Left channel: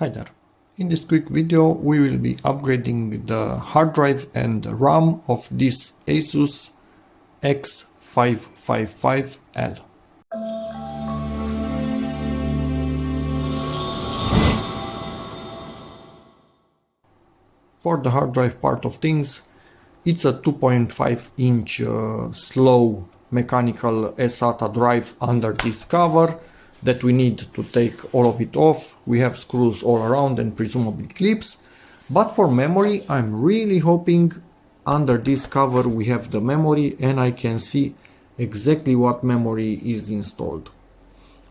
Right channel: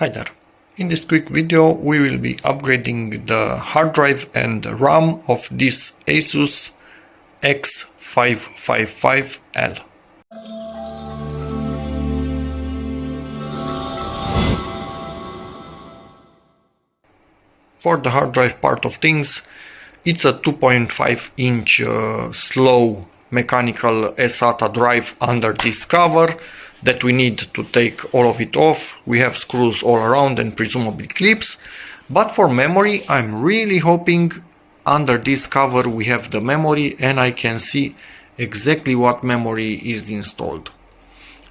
Hi there. In this quick video we will be upgrading the hard drive and RAM of this ASUS X555L. For the hard drive part of things, it's a 2.5 inch slow mechanical SATA drive under this cover that we need to take all of it off. We have screws all around and presumably clips, but for memory I'm really hoping under this cover we have the memory and I can see exactly what memory is installed.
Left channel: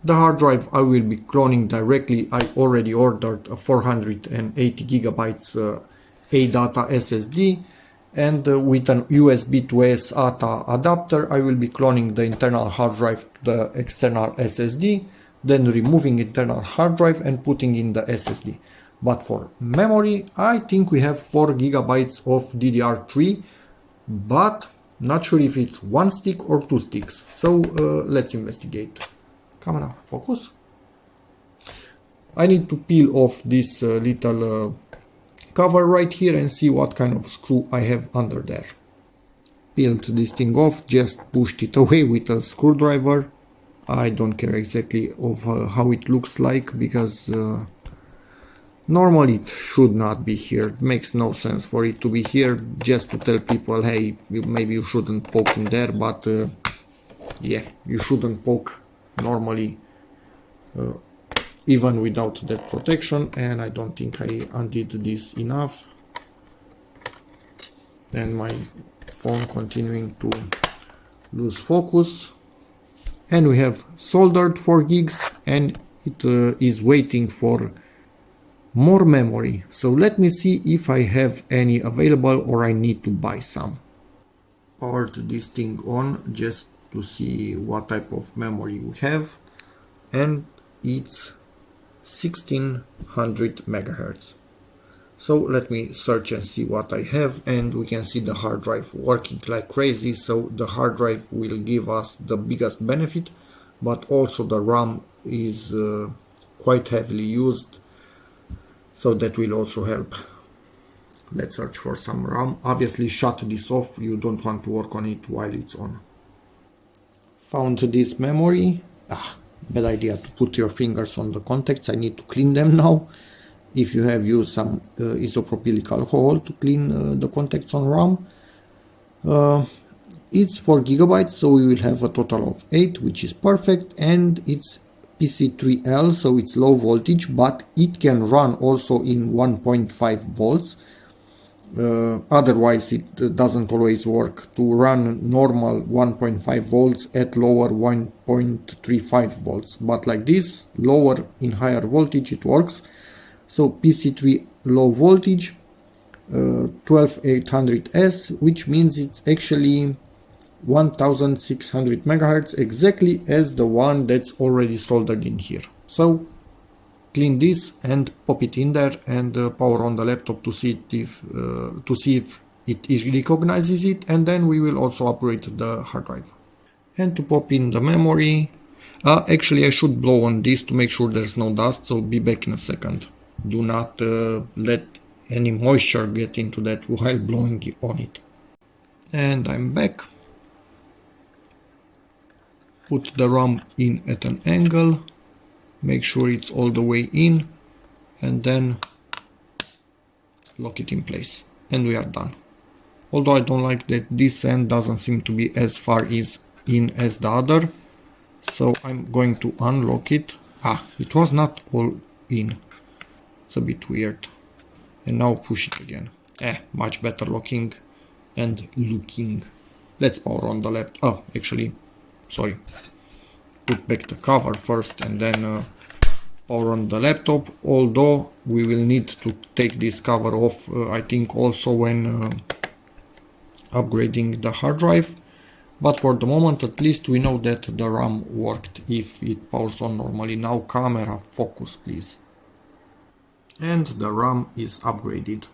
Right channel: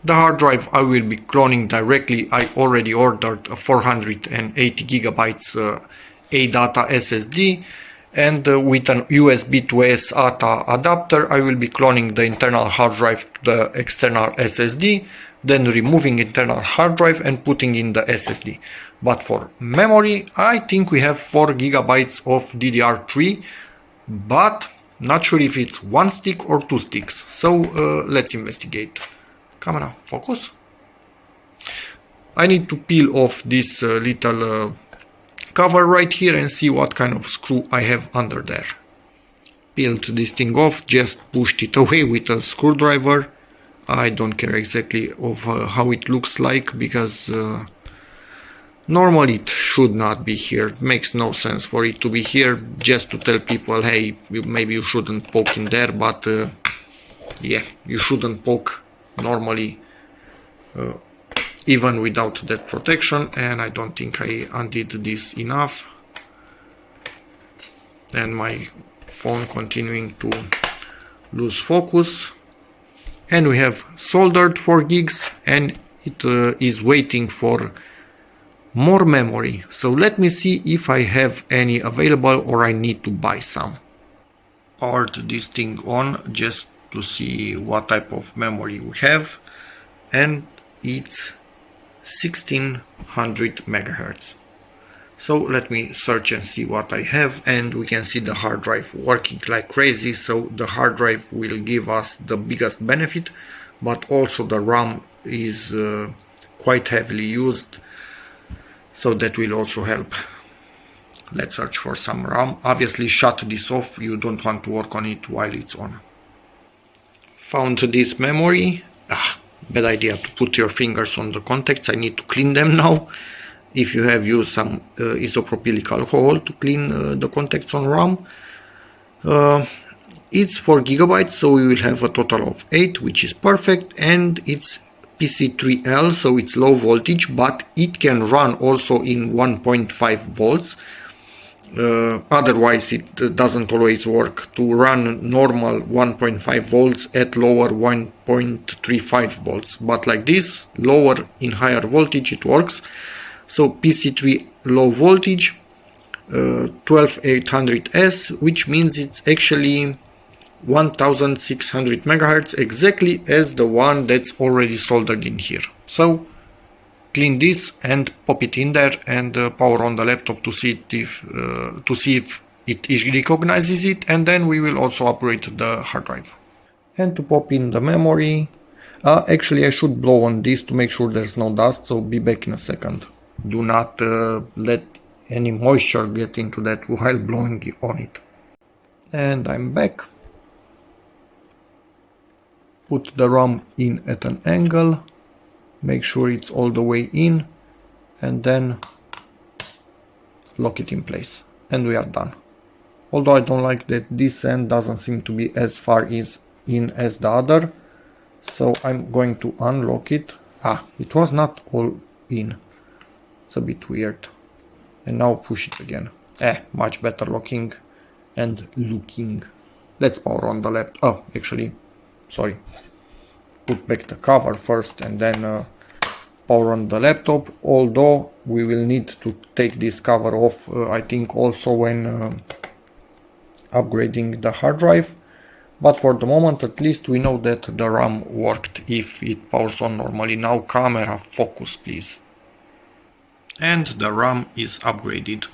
The hard drive I will be cloning directly. I already ordered a 480 gigabytes ADATA SSD, and with an USB to SATA adapter I will be cloning the internal hard drive to the external SSD, then removing internal hard drive and putting in the SSD. But for memory I think we have 4 gigabytes of DDR3, but not sure if it's one stick or two sticks, so let's investigate. Camera, focus. I need to peel off this little cover right here and see what kind of screw I have under there. Peeled this thing off, just pushed it away with a screwdriver. I don't care exactly of how it looks like, because normally it should not be here. It makes no sense for it to be here, just to tell people, hey, maybe you shouldn't poke in there, but yeah, you shouldn't poke normally even without that protection, and I don't think I undid this enough. And my phone continuing to lose focus. And we have soldered 4 gigs and it is waiting for more memory. So let me see if I have any available or I need to buy some. Powered this thing on just to see what type of memory we have, and it's 1600 megahertz. So let me search and see what I have, and we can see the hard drive working like crazy. So the hard drive will give us the biggest benefit, but also the RAM is quite heavily used, so that will also help. Let's search for some RAM. Obviously shut this off, you don't want to work on it while it's on. Found this memory. Bad idea to put your fingers on the contacts. I need to clean them now. If you have used some isopropylic alcohol to clean the contacts on RAM. It's 4 gigabytes, so we will have a total of 8, which is perfect, and it's PC3L, so it's low voltage, but it can run also in 1.5 volts. Otherwise it doesn't always work to run normal 1.5 volts at lower 1.35 volts, but like this, lower in higher voltage, it works. So PC3 low voltage, 12800S, which means it's actually 1600 megahertz, exactly as the one that's already soldered in here. So clean this and pop it in there and power on the laptop to see if it recognizes it, and then we will also operate the hard drive. And to pop in the memory, actually I should blow on this to make sure there's no dust, so be back in a second. Do not let any moisture get into that while blowing on it. And I'm back. Put the RAM in at an angle. Make sure it's all the way in, and then lock it in place, and we are done. Although I don't like that this end doesn't seem to be as far in as the other, so I'm going to unlock it. It was not all in. It's a bit weird. And now push it again. Much better looking and looking. Let's power on the laptop. Actually, sorry. Put back the cover first and then power on the laptop, although we will need to take this cover off I think also when upgrading the hard drive, but for the moment at least we know that the RAM worked if it powers on normally. Now camera, focus please. And the RAM is upgraded.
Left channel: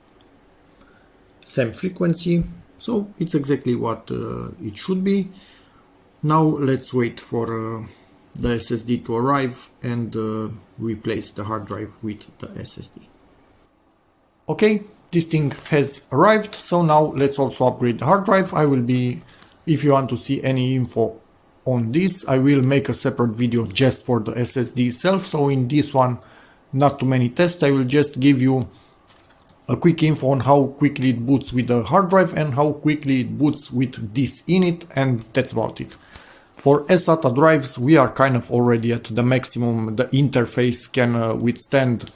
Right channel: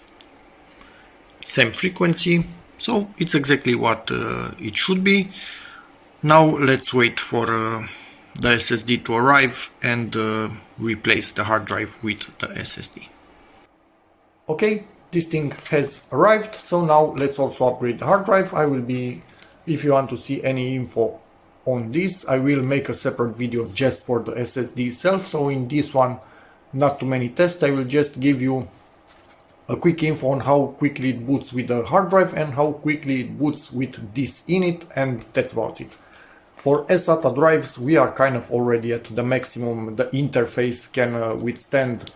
Same frequency, so it's exactly what it should be. Now let's wait for the SSD to arrive and replace the hard drive with the SSD. Okay, this thing has arrived, so now let's also upgrade the hard drive. I will be, if you want to see any info on this, I will make a separate video just for the SSD itself. So in this one, not too many tests, I will just give you a quick info on how quickly it boots with the hard drive and how quickly it boots with this in it, and that's about it. For SATA drives, we are kind of already at the maximum the interface can withstand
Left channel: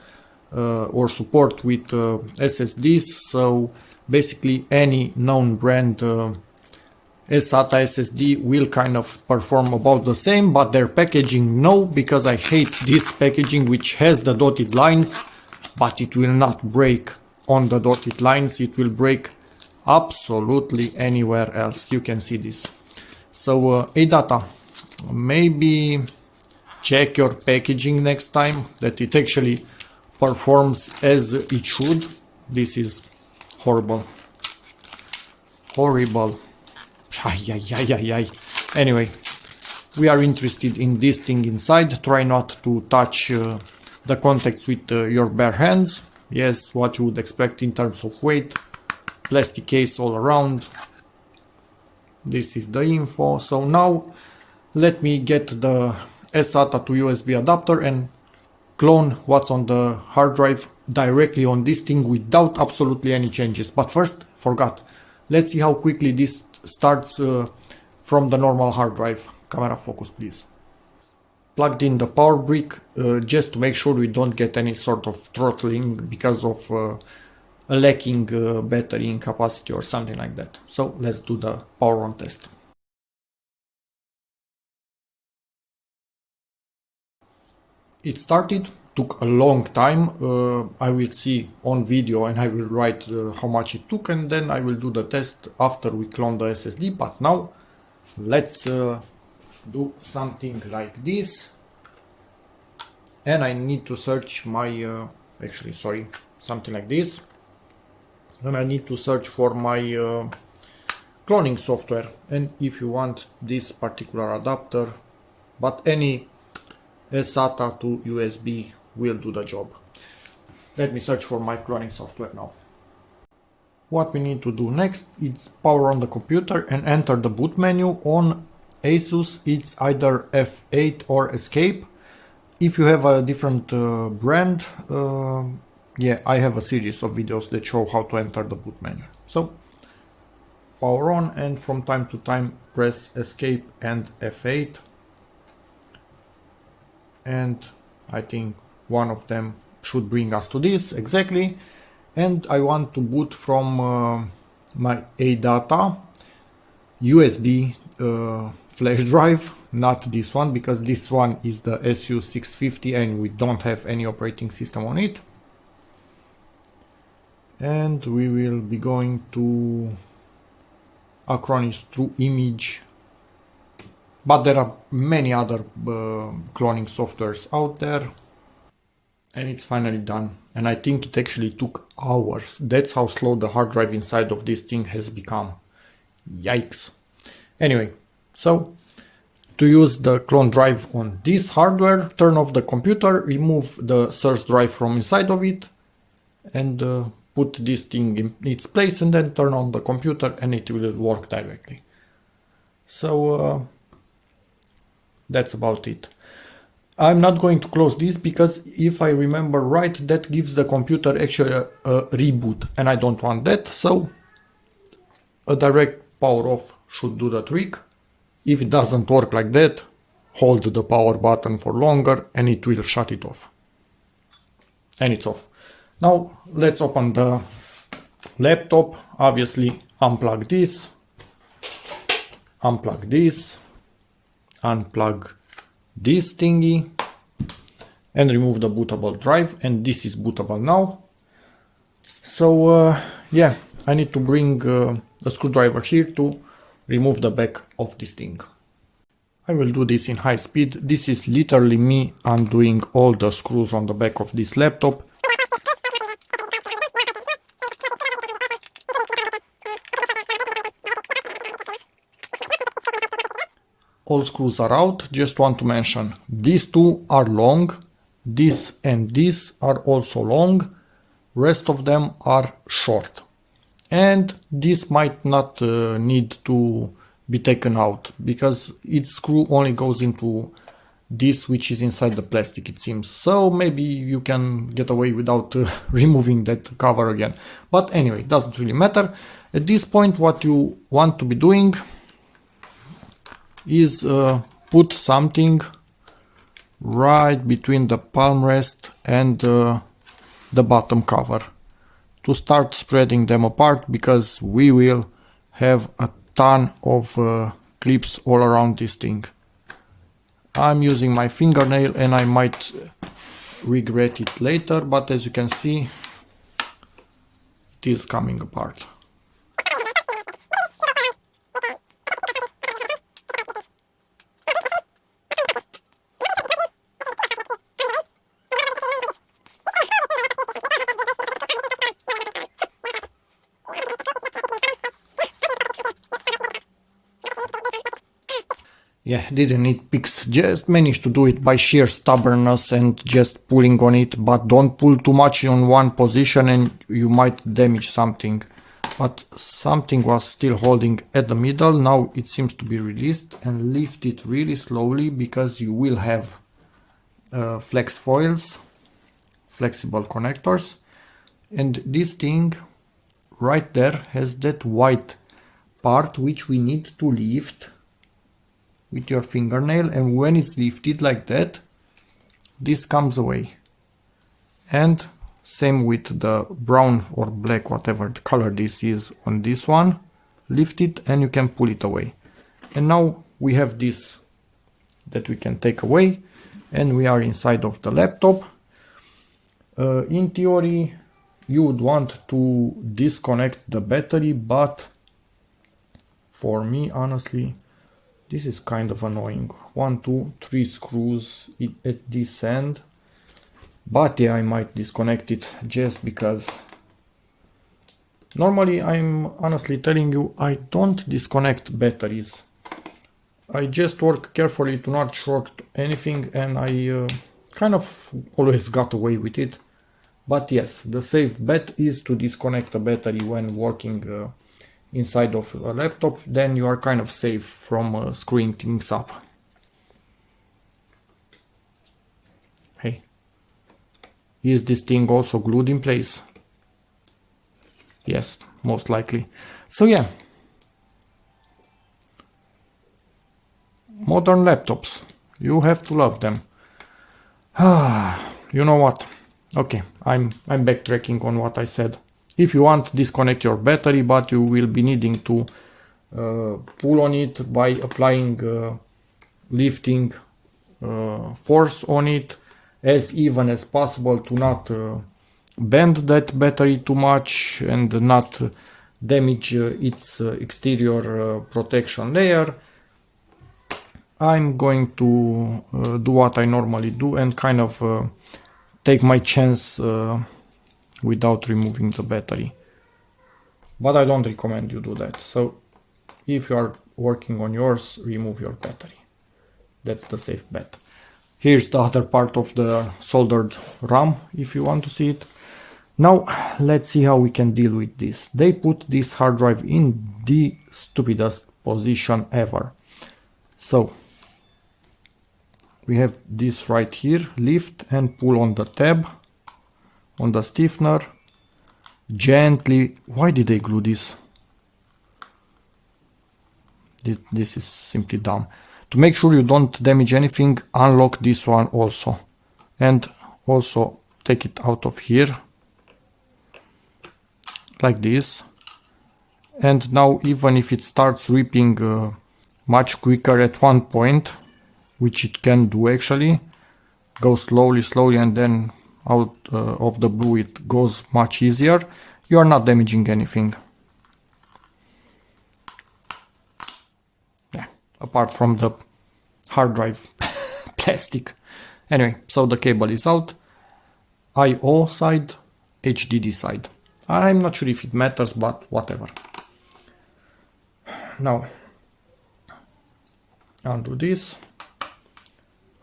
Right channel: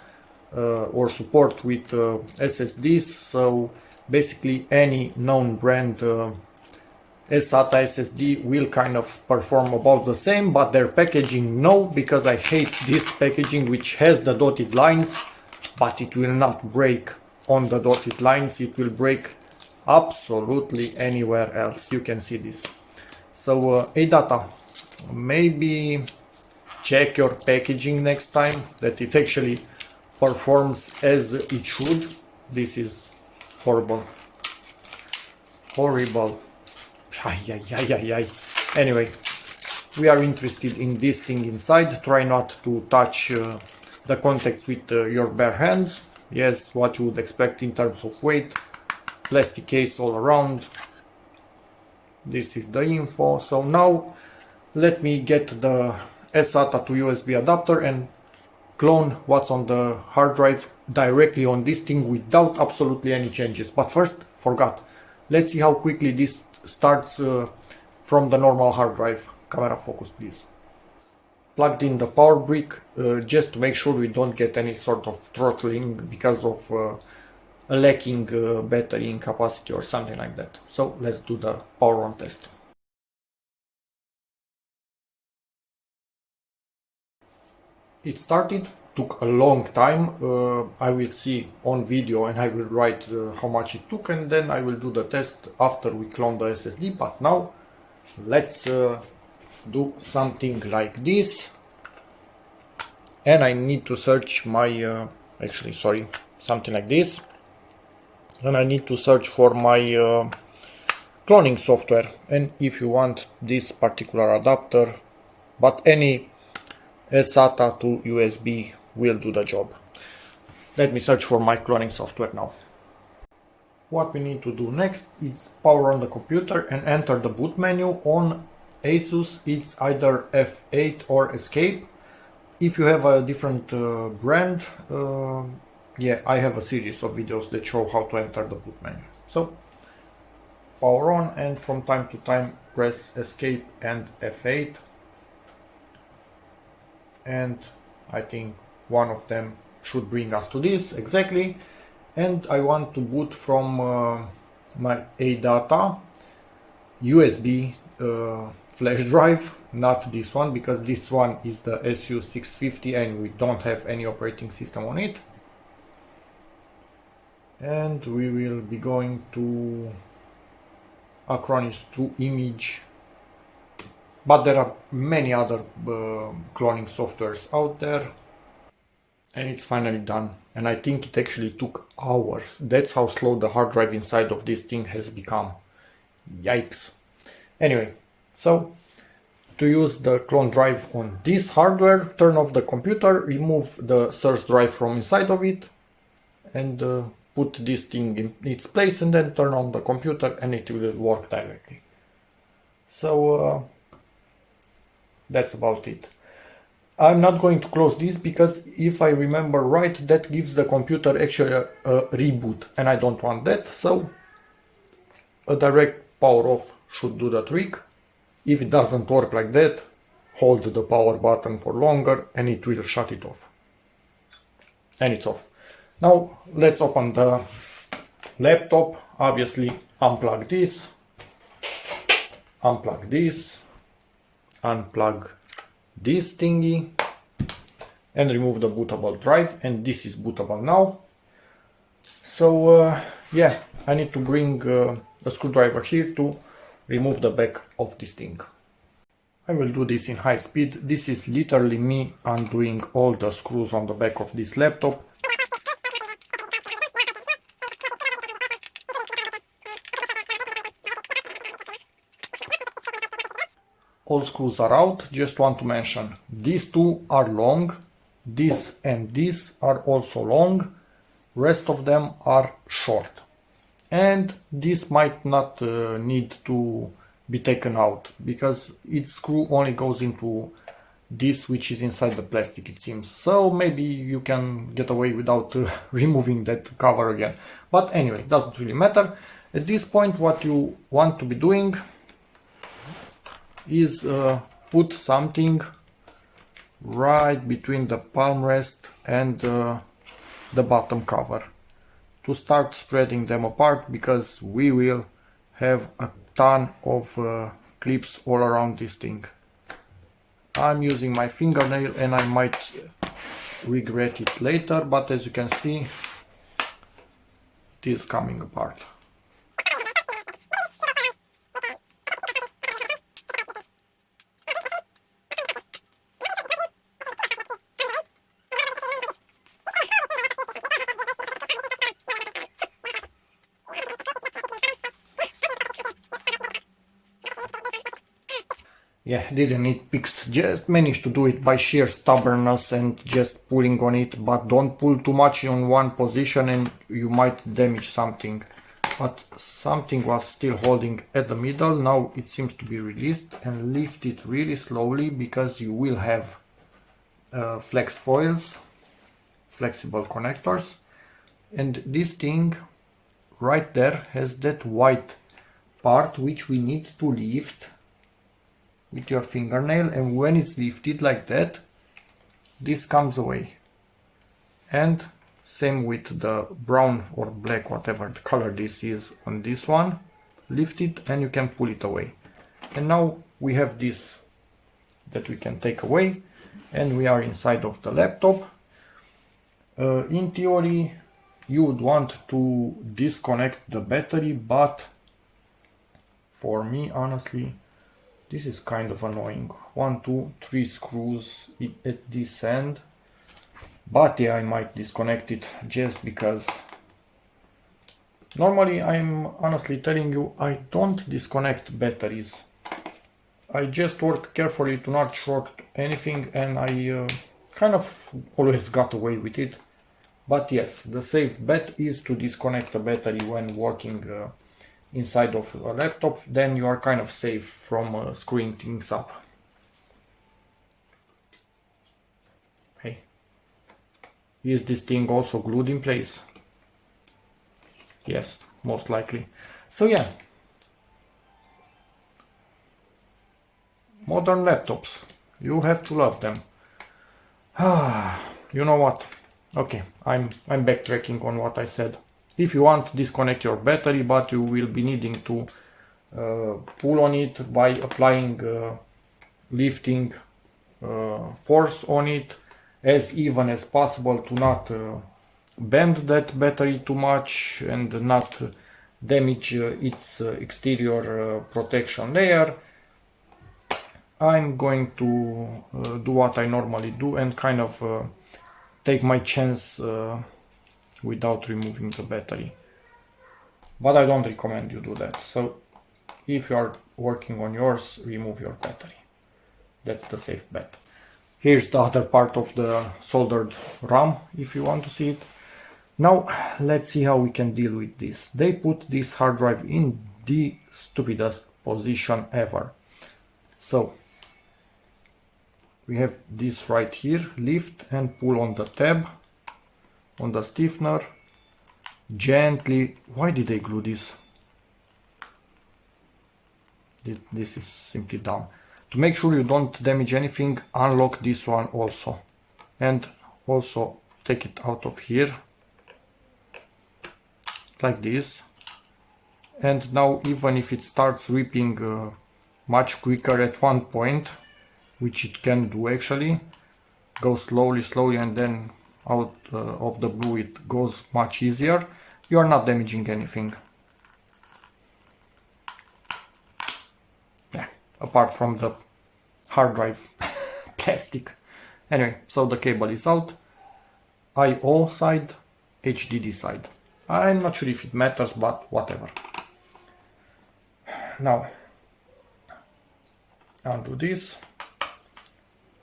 or support with SSDs. So basically any known brand SATA SSD will kind of perform about the same, but their packaging no, because I hate this packaging which has the dotted lines, but it will not break on the dotted lines. It will break absolutely anywhere else. You can see this. So ADATA, maybe check your packaging next time that it actually performs as it should. This is horrible. Horrible. Anyway, we are interested in this thing inside. Try not to touch the contacts with your bare hands. Yes, what you would expect in terms of weight. Plastic case all around. This is the info. So now let me get the SATA to USB adapter and clone what's on the hard drive directly on this thing without absolutely any changes. But first, forgot. Let's see how quickly this starts from the normal hard drive. Camera focus, please. Plugged in the power brick just to make sure we don't get any sort of throttling because of a lacking battery in capacity or something like that. So let's do the power on test. It started, took a long time. I will see on video and I will write how much it took, and then I will do the test after we clone the SSD. But now let's do something like this. And I need to search my, something like this. And I need to search for my cloning software. And if you want this particular adapter, but any SATA to USB will do the job. Let me search for my cloning software now. What we need to do next is power on the computer and enter the boot menu. On ASUS it's either F8 or Escape. If you have a different brand, yeah, I have a series of videos that show how to enter the boot menu. So power on, and from time to time press Escape and F8. And I think one of them should bring us to this exactly. And I want to boot from my ADATA USB flash drive, not this one, because this one is the ASUS X550 and we don't have any operating system on it. And we will be going to Acronis True Image. But there are many other cloning softwares out there. And it's finally done. And I think it actually took hours. That's how slow the hard drive inside of this thing has become. Yikes. Anyway, so to use the clone drive on this hardware, turn off the computer, remove the source drive from inside of it, and put this thing in its place, and then turn on the computer and it will work directly. So that's about it. I'm not going to close this because if I remember right, that gives the computer actually a reboot, and I don't want that. So a direct power off should do the trick. If it doesn't work like that, hold the power button for longer and it will shut it off. And it's off. Now let's open the laptop. Obviously unplug this, unplug this, unplug this thingy, and remove the bootable drive. And this is bootable now. So yeah, I need to bring the screwdriver here to remove the back of this thing. I will do this in high speed. This is literally me undoing all the screws on the back of this laptop. all screws are out. Just want to mention, these two are long, this and this are also long, rest of them are short. And this might not need to be taken out, because its screw only goes into this which is inside the plastic, it seems. So maybe you can get away without removing that cover again. But anyway, doesn't really matter. At this point, what you want to be doing is put something right between the palm rest and the bottom cover to start spreading them apart, because we will have a ton of clips all around this thing. I'm using my fingernail and I might regret it later, but as you can see, it is coming apart. Yeah, didn't need picks, just managed to do it by sheer stubbornness and just pulling on it, but don't pull too much in one position and you might damage something. But something was still holding at the middle. Now it seems to be released, and lift it really slowly, because you will have flex foils, flexible connectors, and this thing right there has that white part which we need to lift with your fingernail, and when it's lifted like that, this comes away. And same with the brown or black, whatever the color this is on this one, lift it and you can pull it away. And now we have this that we can take away, and we are inside of the laptop. In theory, you would want to disconnect the battery, but for me, honestly, this is kind of annoying. 1, 2, 3 screws at this end. But yeah, I might disconnect it just because. Normally, I'm honestly telling you, I don't disconnect batteries. I just work carefully to not short anything, and I kind of always got away with it. But yes, the safe bet is to disconnect a battery when working inside of a laptop. Then you are kind of safe from screwing things up. Hey, is this thing also glued in place? Yes, most likely. So yeah, modern laptops, you have to love them. You know what? Okay, I'm backtracking on what I said. If you want, disconnect your battery, but you will be needing to pull on it by applying lifting force on it as even as possible, to not bend that battery too much and not damage its exterior protection layer. I'm going to do what I normally do and kind of take my chance without removing the battery, but I don't recommend you do that. So if you are working on yours, remove your battery. That's the safe bet. Here's the other part of the soldered RAM, if you want to see it. Now let's see how we can deal with this. They put this hard drive in the stupidest position ever. So we have this right here, lift and pull on the tab, on the stiffener, gently. Why did they glue this? This is simply dumb. To make sure you don't damage anything, unlock this one also. And also take it out of here. Like this. And now even if it starts ripping much quicker at one point, which it can do actually, go slowly and then out of the blue it goes much easier, you are not damaging anything. Yeah, apart from the hard drive plastic. Anyway, so the cable is out. I/O side, HDD side. I'm not sure if it matters, but whatever. Now, Undo this.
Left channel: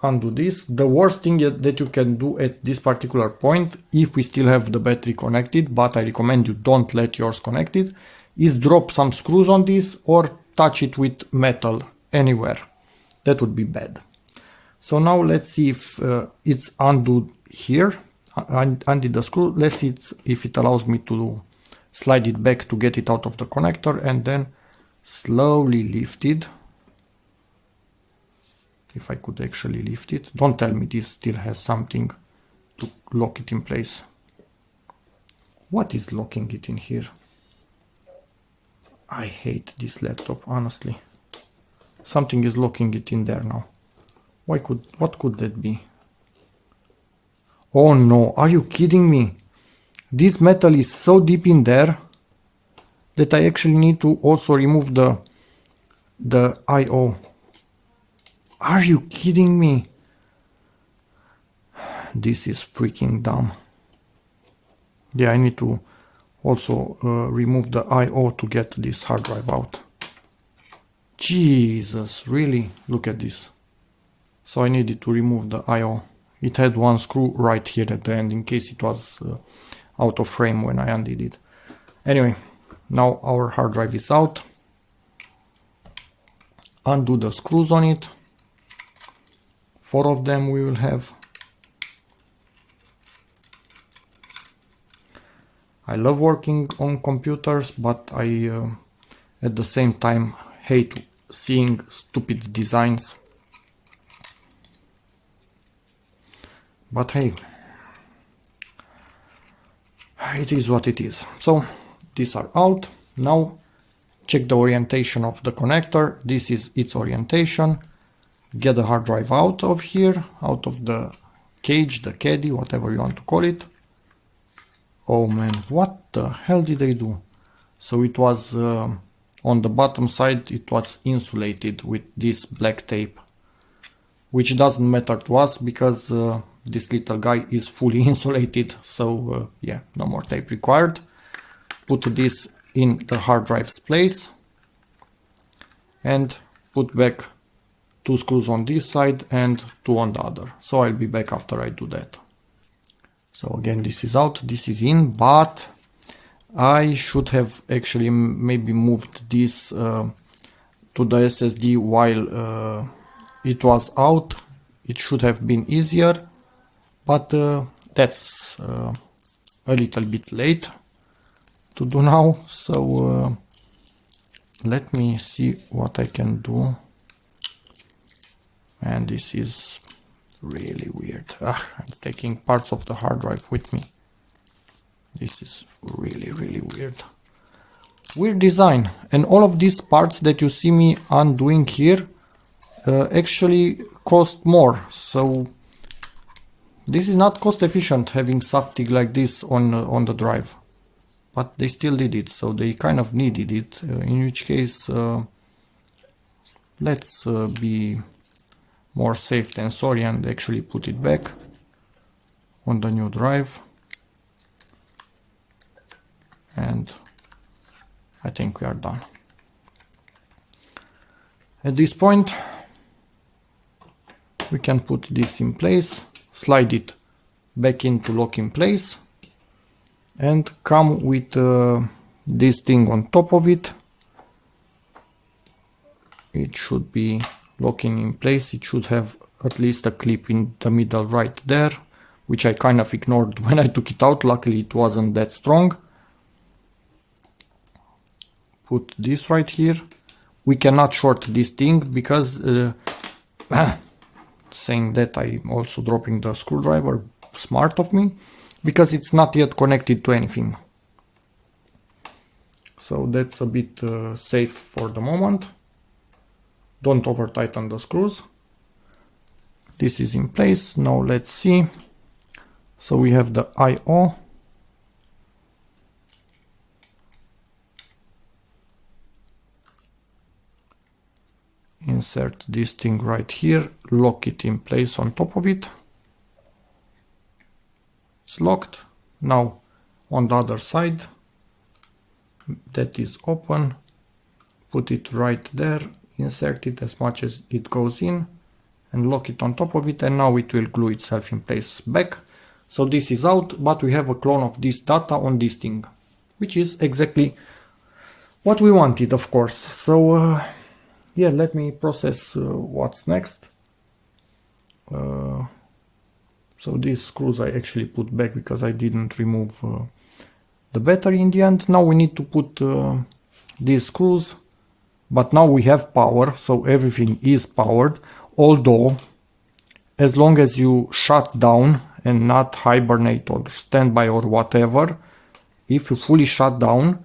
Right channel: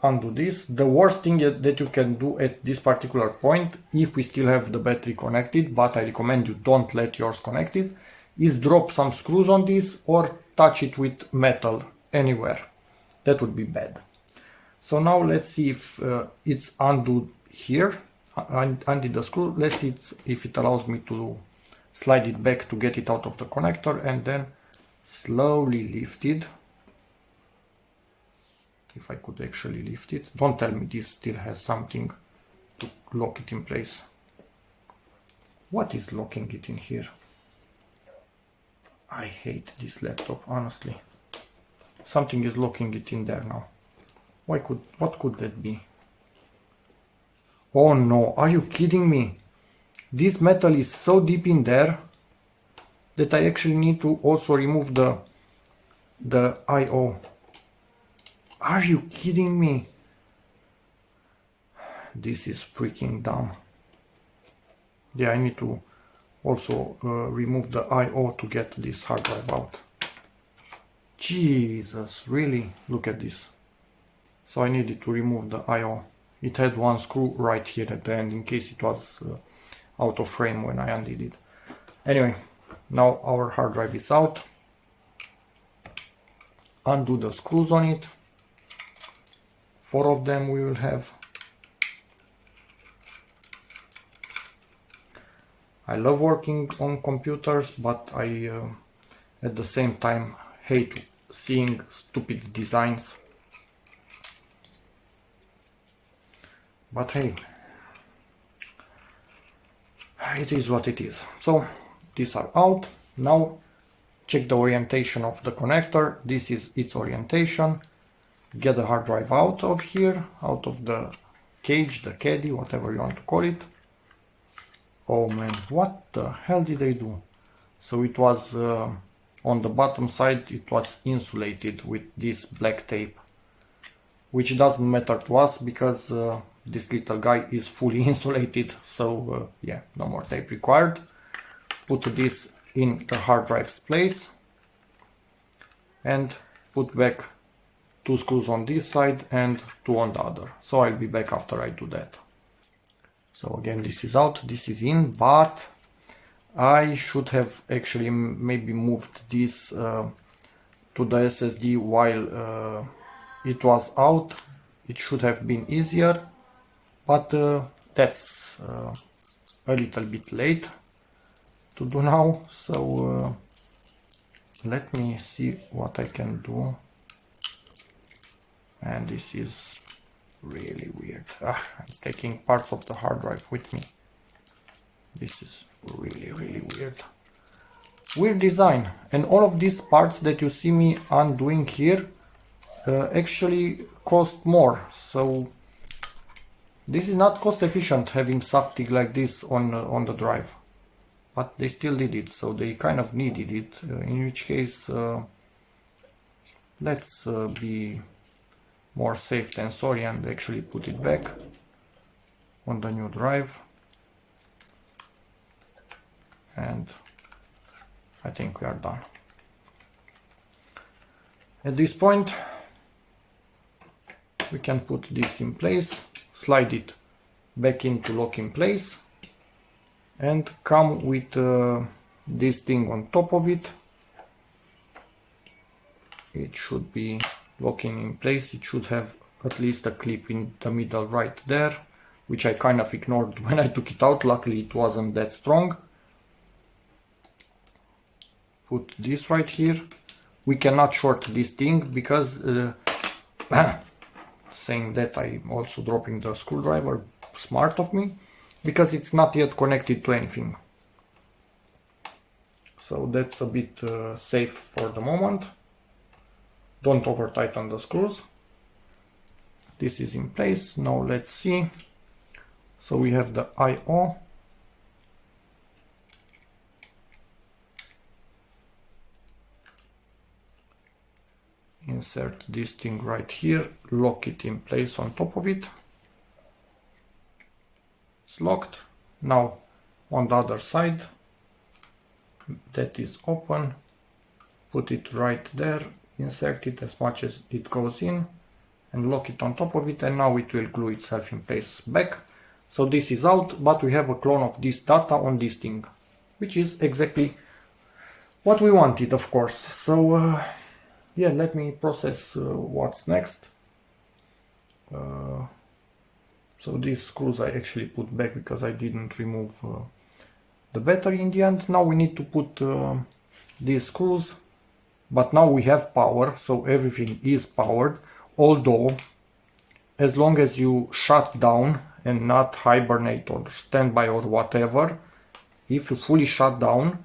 Undo this. The worst thing that you can do at this particular point, if we still have the battery connected, but I recommend you don't let yours connected, is drop some screws on this or touch it with metal anywhere. That would be bad. So now let's see if it's undone here. Undid the screw. Let's see if it allows me to slide it back to get it out of the connector and then slowly lift it. If I could actually lift it. Don't tell me this still has something to lock it in place. What is locking it in here? I hate this laptop, honestly. Something is locking it in there now. What could that be? Oh no, are you kidding me? This metal is so deep in there that I actually need to also remove the I/O. Are you kidding me? This is freaking dumb. Yeah, I need to also remove the I/O to get this hard drive out. Jesus, really? Look at this. So I needed to remove the I/O. It had one screw right here at the end in case it was out of frame when I undid it. Anyway, now our hard drive is out. Undo the screws on it. 4 of them we will have. I love working on computers, but I at the same time hate seeing stupid designs. But hey, it is what it is. So these are out. Now check the orientation of the connector. This is its orientation. Get the hard drive out of here, out of the cage, the caddy, whatever you want to call it. Oh man, what the hell did they do? So it was on the bottom side, it was insulated with this black tape, which doesn't matter to us because this little guy is fully insulated. So yeah, no more tape required. Put this in the hard drive's place and put back 2 screws on this side and 2 on the other. So I'll be back after I do that. So again, this is out, this is in, but I should have actually maybe moved this to the SSD while it was out. It should have been easier, but that's a little bit late to do now. So let me see what I can do. And this is really weird. I'm taking parts of the hard drive with me. This is really weird. Weird design. And all of these parts that you see me undoing here actually cost more. So this is not cost efficient having something like this on the drive. But they still did it, so they kind of needed it. In which case, let's be more safe than sorry and actually put it back on the new drive. And I think we are done. At this point, we can put this in place, slide it back into lock in place, and come with this thing on top of it. It should be locking in place. It should have at least a clip in the middle right there, which I kind of ignored when I took it out. Luckily it wasn't that strong. Put this right here. We cannot short this thing because saying that, I'm also dropping the screwdriver. Smart of me, because it's not yet connected to anything. So that's a bit safe for the moment. Don't over tighten the screws. This is in place. Now let's see. So we have the I/O. Insert this thing right here, lock it in place on top of it. It's locked. Now on the other side, that is open. Put it right there, insert it as much as it goes in and lock it on top of it, and now it will glue itself in place back. So this is out, but we have a clone of this data on this thing, which is exactly what we wanted, of course. So yeah, let me process what's next. So these screws I actually put back because I didn't remove the battery in the end. Now we need to put these screws, but now we have power, so everything is powered. Although, as long as you shut down and not hibernate or standby or whatever, if you fully shut down,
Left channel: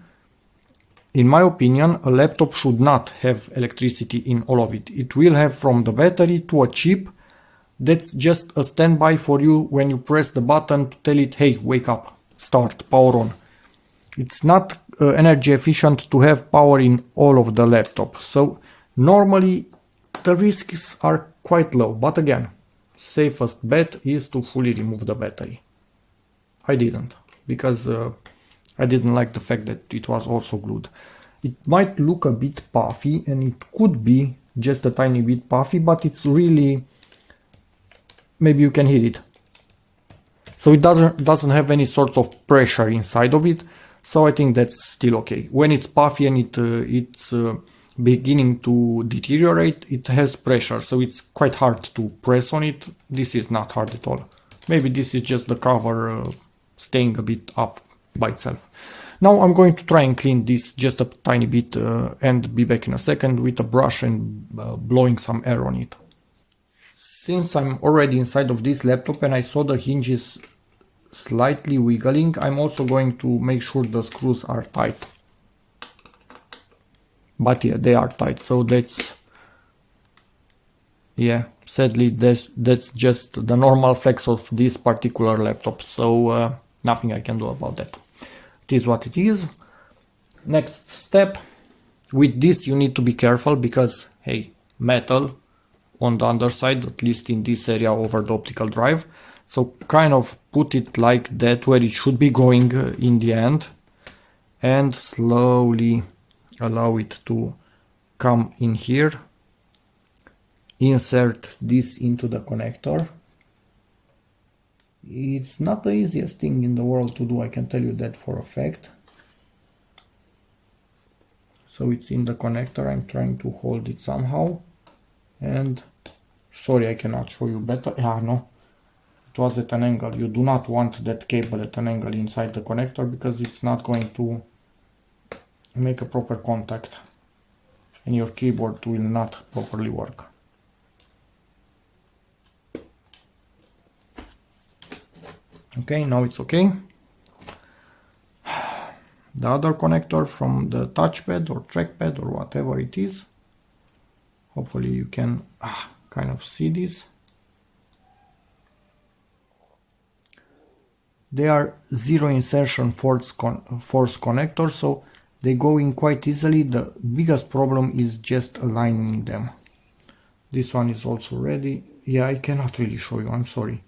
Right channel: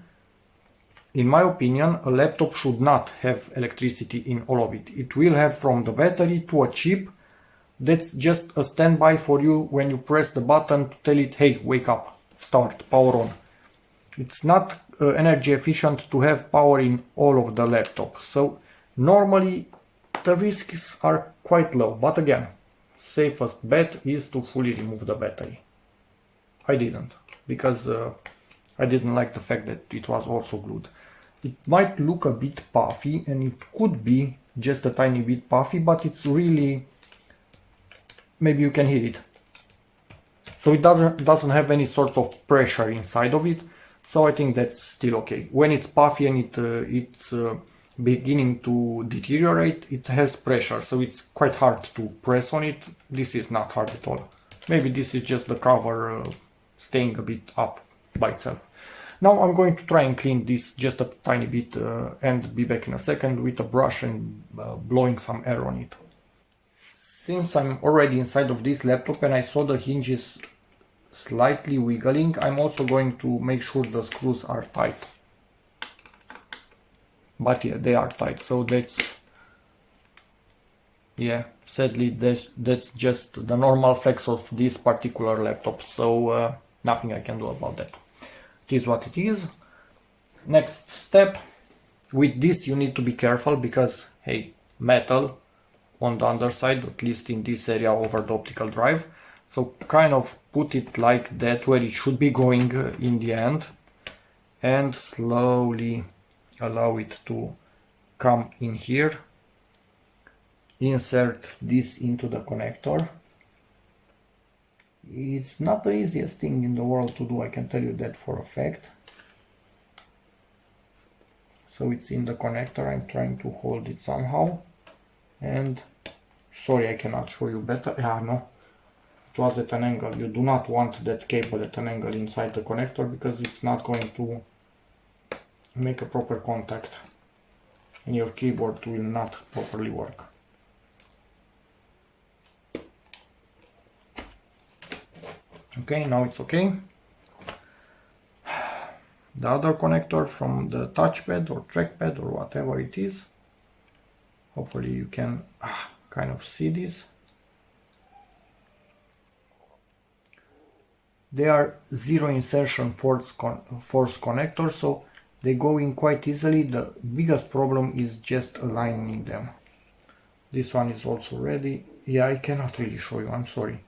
in my opinion, a laptop should not have electricity in all of it. It will have from the battery to a chip that's just a standby for you when you press the button to tell it, hey, wake up, start, power on. It's not energy efficient to have power in all of the laptop. So normally the risks are quite low, but again, safest bet is to fully remove the battery. I didn't, because I didn't like the fact that it was also glued. It might look a bit puffy, and it could be just a tiny bit puffy, but it's really, maybe you can hear it. So it doesn't have any sort of pressure inside of it, so I think that's still okay. When it's puffy and it's beginning to deteriorate, it has pressure, so it's quite hard to press on it. This is not hard at all. Maybe this is just the cover staying a bit up by itself. Now I'm going to try and clean this just a tiny bit and be back in a second with a brush and blowing some air on it. Since I'm already inside of this laptop and I saw the hinges slightly wiggling, I'm also going to make sure the screws are tight. But yeah, they are tight, so that's, yeah, sadly that's just the normal flex of this particular laptop, so nothing I can do about that. It is what it is. Next step, with this you need to be careful because, hey, metal on the underside, at least in this area over the optical drive. So kind of put it like that where it should be going in the end, and slowly allow it to come in here. Insert this into the connector. It's not the easiest thing in the world to do, I can tell you that for a fact. So it's in the connector, I'm trying to hold it somehow. And sorry, I cannot show you better. Yeah, no, it was at an angle. You do not want that cable at an angle inside the connector because it's not going to make a proper contact and your keyboard will not properly work. Okay, now it's okay. The other connector from the touchpad or trackpad or whatever it is. Hopefully you can kind of see this. They are zero insertion force connectors, so they go in quite easily. The biggest problem is just aligning them. This one is also ready. Yeah, I cannot really show you, I'm sorry.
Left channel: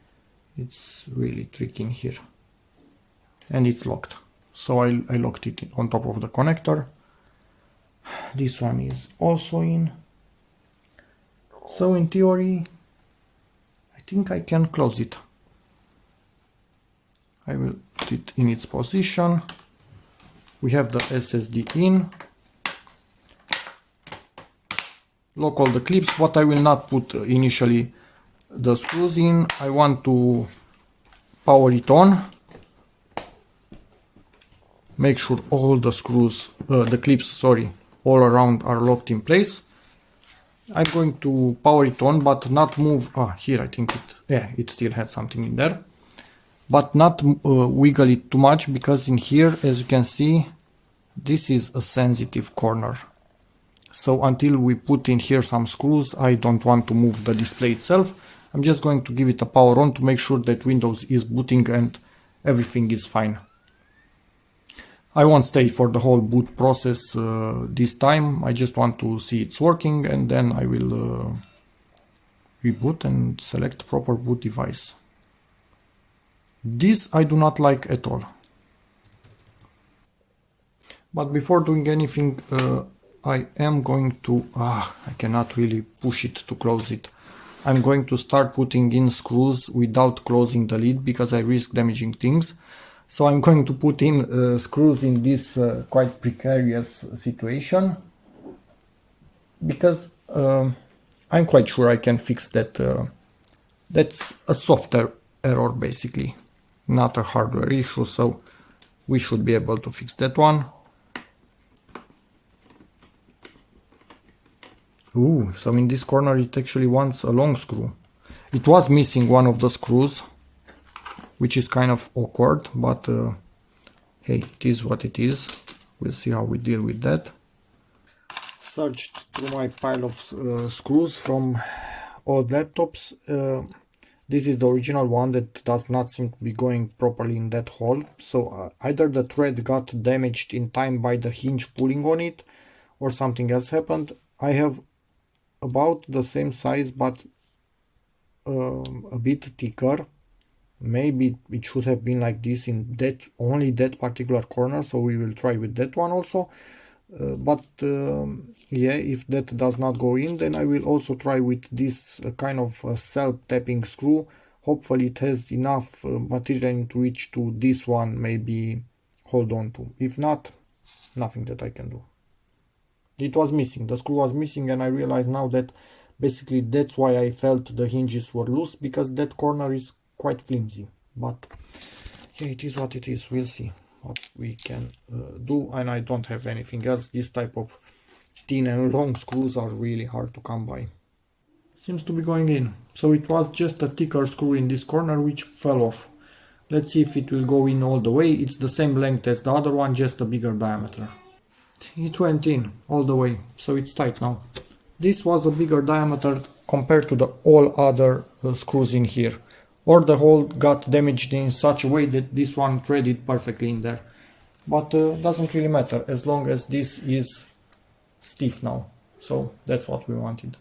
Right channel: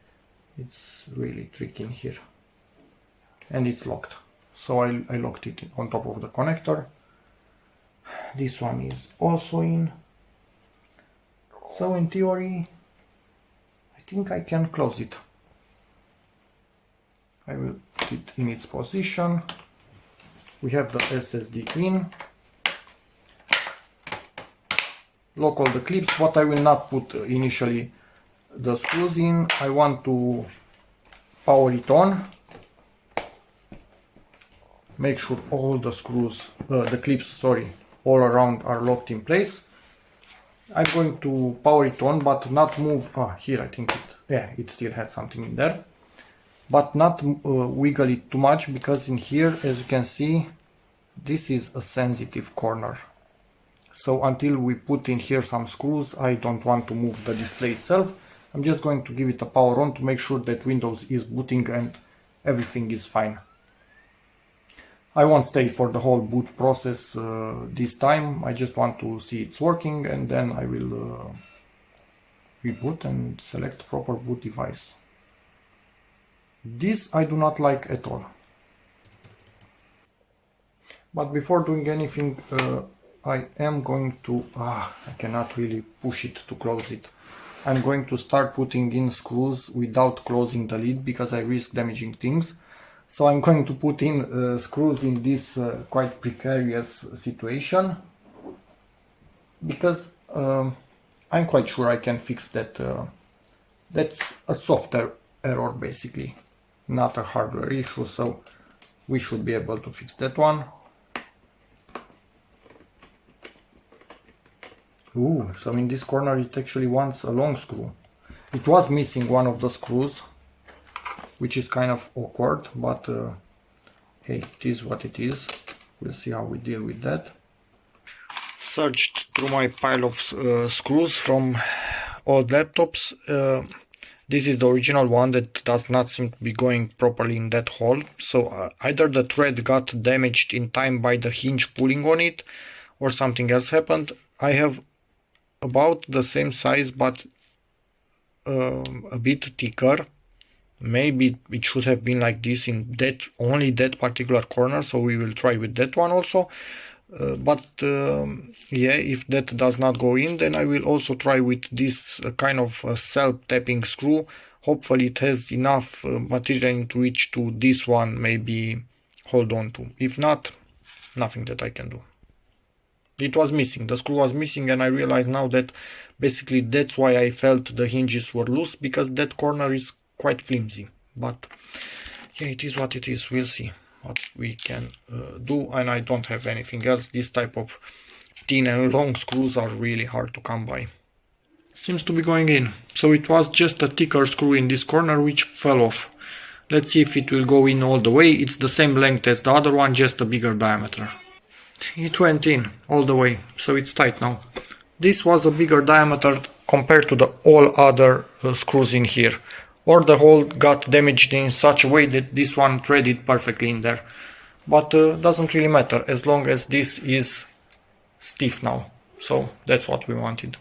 It's really tricky in here. And it's locked. So I locked it on top of the connector. This one is also in. So in theory, I think I can close it. I will put it in its position. We have the SSD in. Lock all the clips. What I will not put initially the screws in, I want to power it on. Make sure all the screws, the clips, sorry, all around are locked in place. I'm going to power it on, but not move. Here I think it still had something in there, but not wiggle it too much, because in here, as you can see, this is a sensitive corner. So until we put in here some screws, I don't want to move the display itself. I'm just going to give it a power on to make sure that Windows is booting and everything is fine. I won't stay for the whole boot process this time. I just want to see it's working, and then I will reboot and select proper boot device. This I do not like at all. But before doing anything, I am going to, I cannot really push it to close it. I'm going to start putting in screws without closing the lid because I risk damaging things. So I'm going to put in screws in this quite precarious situation because I'm quite sure I can fix that. That's a software error basically, not a hardware issue, so we should be able to fix that one. Ooh, so in this corner it actually wants a long screw. It was missing one of the screws, which is kind of awkward, but hey, it is what it is. We'll see how we deal with that. Searched through my pile of screws from old laptops. This is the original one that does not seem to be going properly in that hole. So either the thread got damaged in time by the hinge pulling on it, or something else happened. I have about the same size but a bit thicker. Maybe it should have been like this in that only that particular corner, so we will try with that one also. Yeah, if that does not go in, then I will also try with this kind of self-tapping screw. Hopefully it has enough material into which to this one maybe hold on to. If not, nothing that I can do. It was missing, the screw was missing, and I realize now that basically that's why I felt the hinges were loose, because that corner is quite flimsy. But yeah, it is what it is. We'll see what we can do, and I don't have anything else. This type of thin and long screws are really hard to come by. Seems to be going in, so it was just a thicker screw in this corner which fell off. Let's see if it will go in all the way. It's the same length as the other one, just a bigger diameter. It went in all the way, so it's tight now. This was a bigger diameter compared to the all other screws in here, or the hole got damaged in such a way that this one threaded perfectly in there. But doesn't really matter as long as this is stiff now, so that's what we wanted.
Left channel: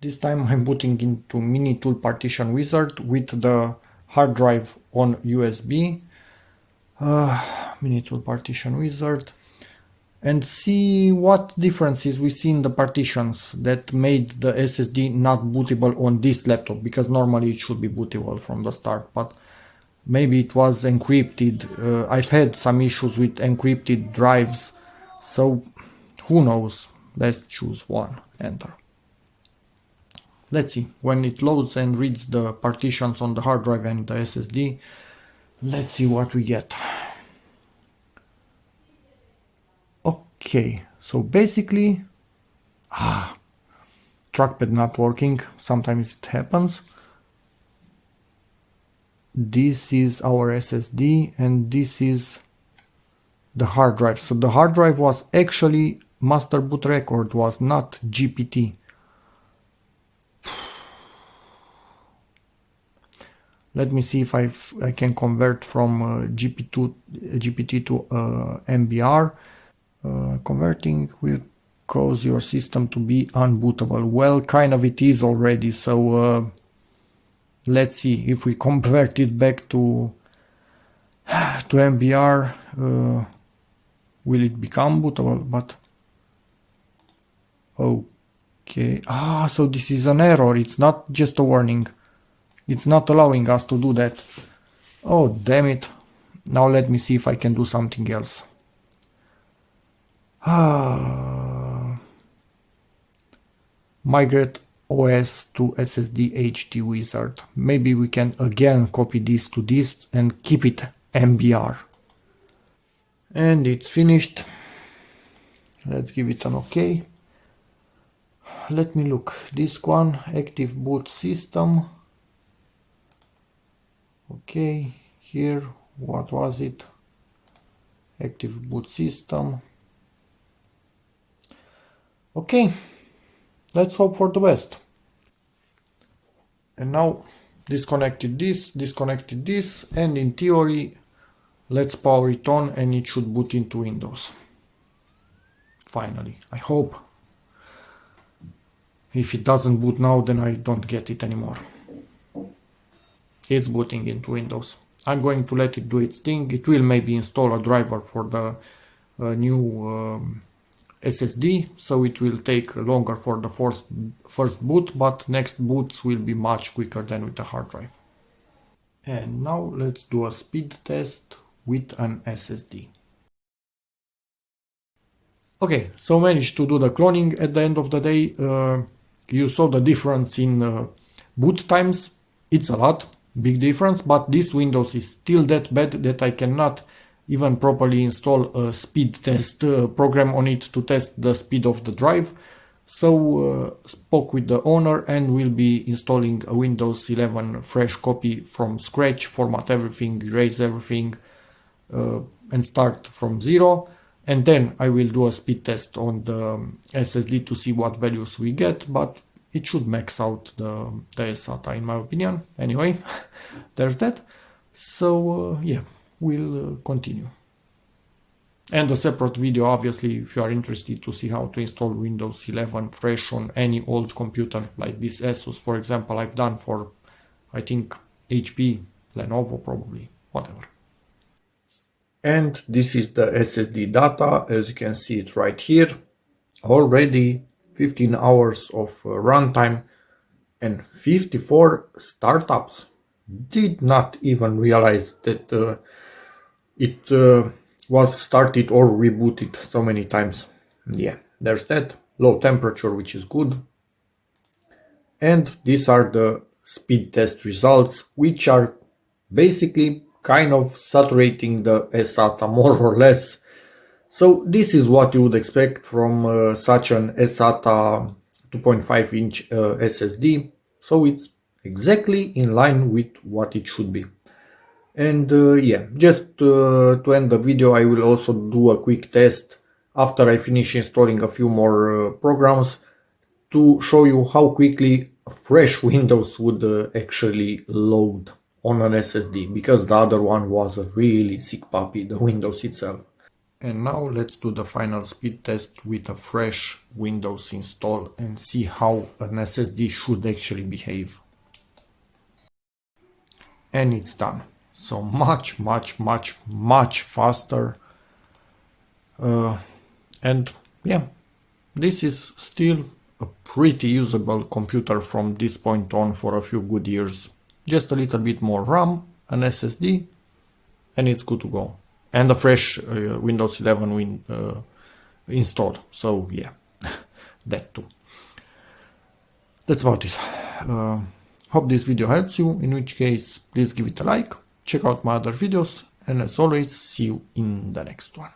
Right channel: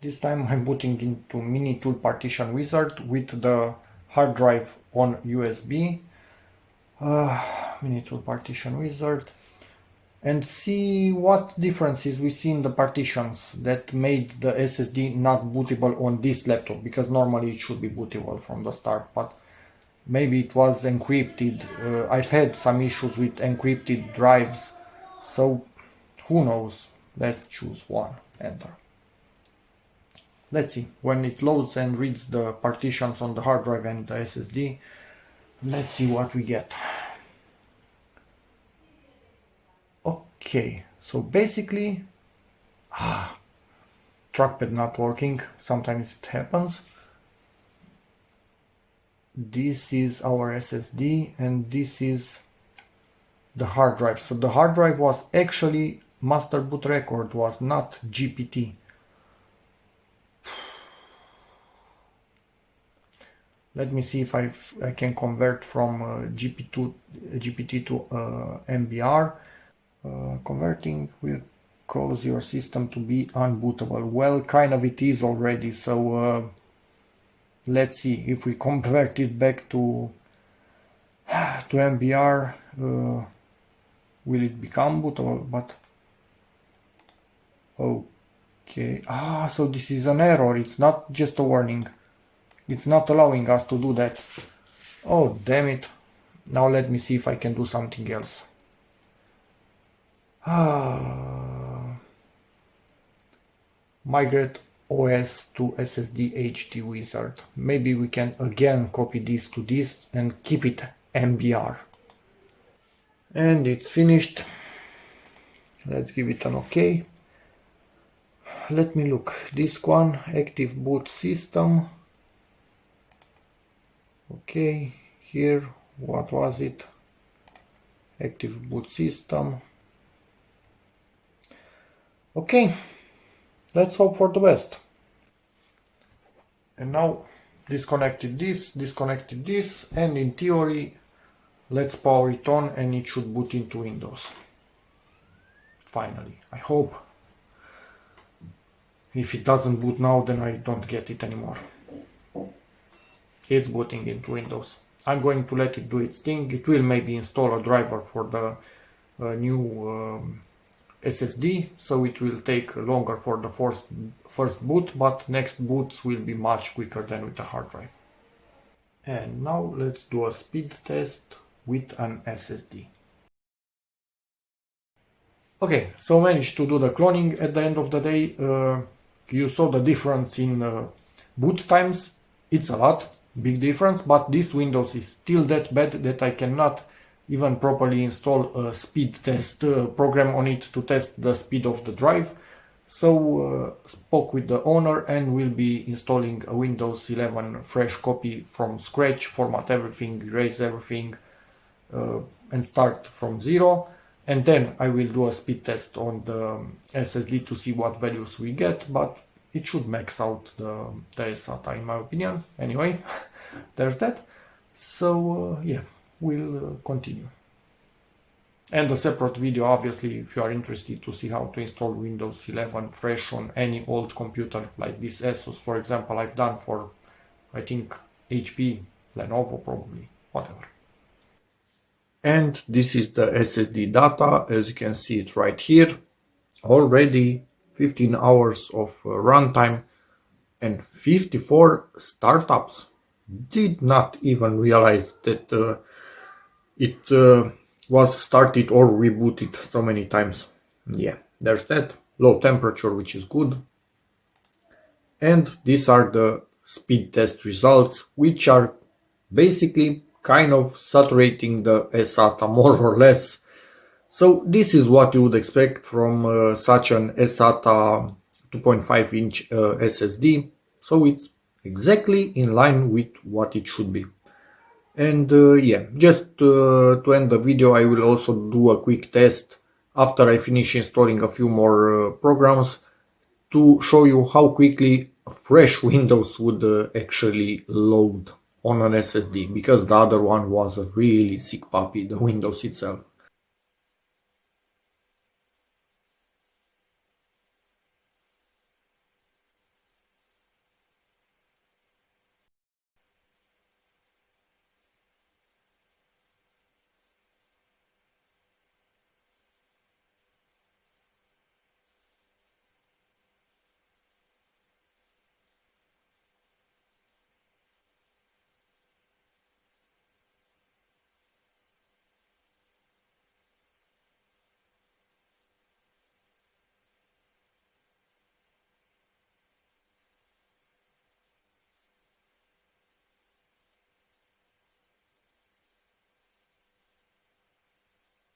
This time I'm putting into Mini Tool Partition Wizard with the hard drive on USB. Mini Tool Partition Wizard. And see what differences we see in the partitions that made the SSD not bootable on this laptop, because normally it should be bootable from the start, but maybe it was encrypted. I've had some issues with encrypted drives, so who knows. Let's choose one, enter. Let's see, when it loads and reads the partitions on the hard drive and the SSD, let's see what we get. Okay, so basically, trackpad not working, sometimes it happens. This is our SSD and this is the hard drive. So the hard drive was actually master boot record, was not GPT. Let me see if I can convert from GPT to MBR. Converting will cause your system to be unbootable. Well, kind of it is already, so let's see if we convert it back to MBR, will it become bootable? But okay, so this is an error, it's not just a warning, it's not allowing us to do that. Oh damn it. Now let me see if I can do something else. Migrate OS to SSD HD Wizard. Maybe we can again copy this to this and keep it MBR. And it's finished. Let's give it an OK. Let me look. Disk 1, active boot system. Okay, here, what was it? Active boot system. Okay, let's hope for the best. And now disconnected this, and in theory, let's power it on and it should boot into Windows. Finally, I hope. If it doesn't boot now, then I don't get it anymore. It's booting into Windows. I'm going to let it do its thing. It will maybe install a driver for the new SSD, so it will take longer for the first boot, but next boots will be much quicker than with a hard drive. And now let's do a speed test with an SSD. Okay, so managed to do the cloning. At the end of the day, you saw the difference in boot times. It's a lot, big difference, but this Windows is still that bad that I cannot even properly install a speed test program on it to test the speed of the drive. So spoke with the owner and will be installing a Windows 11 fresh copy from scratch, format everything, erase everything, and start from zero. And then I will do a speed test on the SSD to see what values we get, but it should max out the SATA in my opinion. Anyway, there's that. So yeah, we'll continue. And a separate video, obviously, if you are interested to see how to install Windows 11 fresh on any old computer, like this ASUS, for example, I've done for, I think, HP, Lenovo, probably, whatever. And this is the SSD data, as you can see it right here. Already 15 hours of runtime and 54 startups. Did not even realize that it was started or rebooted so many times. Yeah, there's that. Low temperature, which is good. And these are the speed test results, which are basically kind of saturating the SATA more or less. So this is what you would expect from such an SATA 2.5 inch SSD. So it's exactly in line with what it should be. And yeah, just to end the video, I will also do a quick test after I finish installing a few more programs to show you how quickly a fresh Windows would actually load on an SSD, because the other one was a really sick puppy, the Windows itself. And now let's do the final speed test with a fresh Windows install and see how an SSD should actually behave. And it's done. So much faster. And yeah, this is still a pretty usable computer from this point on for a few good years. Just a little bit more RAM, an SSD, and it's good to go. And a fresh Windows 11 installed. So yeah, that too. That's about it. Hope this video helps you, in which case please give it a like, check out my other videos, and as always, see you in the next one.